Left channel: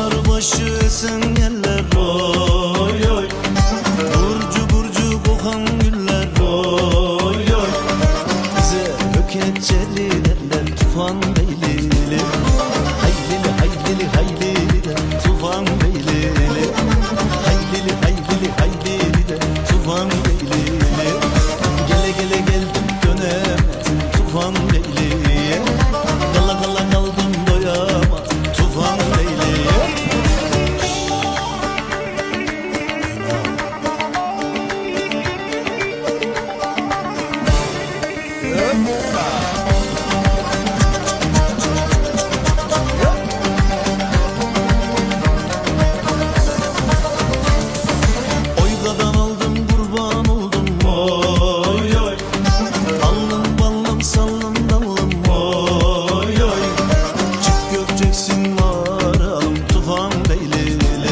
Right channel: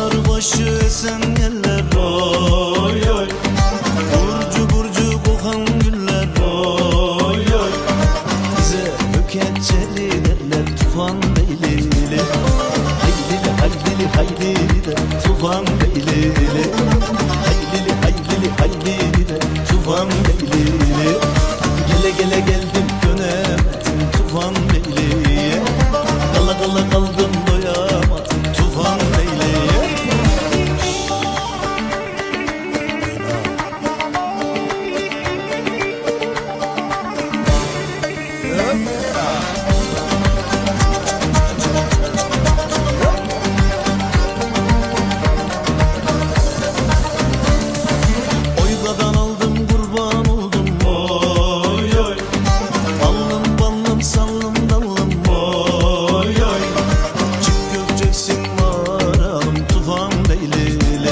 başı esen yeller oy oy. Burcu burcu kokan güller oy oy. Bize höketçeli derler tufan beylili. Haylili haylili haylili de tufan beylili. Haylili haylili haylili de tufan beylili. Gele gele geldim dönemedim tufan beyliye Gala gala kaldım doyamadım tufan beyliye Hop. Oygadan aldım kurban oldum. Oy oy. Allım ballım sallım dallım oy oy. Çık gökeceksin varalım tufan beylili.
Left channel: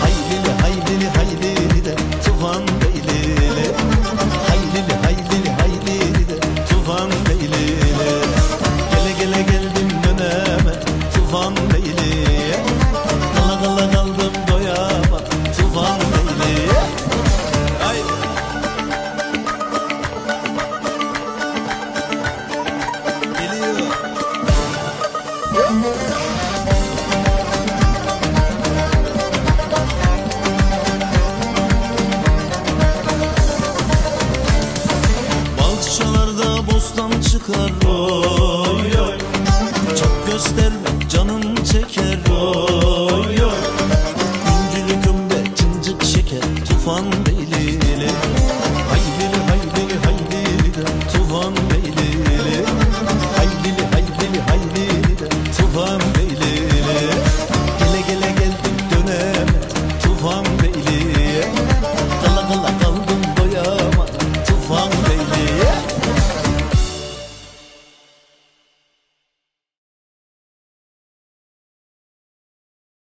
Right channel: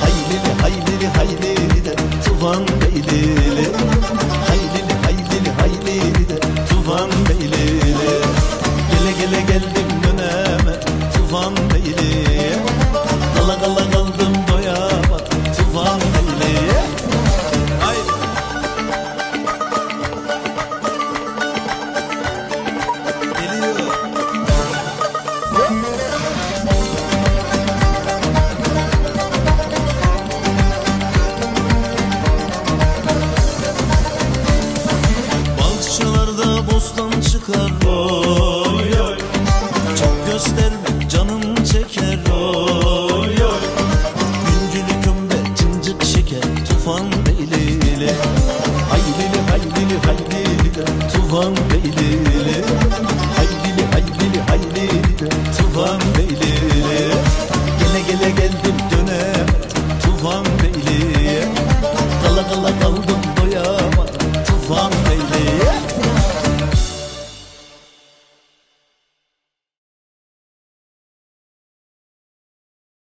Haylili haylili haylili de tufan beylili. Haylili haylili haylili tufan beyliye Kala kala kaldım doyamadım tufan beyliye Haydi. Geliyor. Hop. Bahçelerde bostan çıkar oy oy gösterme canım çeker oy oy. Güncülü kömbe cıncık şeker tufan beylili. Haylili haylili haylili de tufan beylili. Haylili haylili haylili de tufan beylili. Gele gele geldim dönemedim tufan beyliye Kala kala kaldım doyamadım tufan beyliye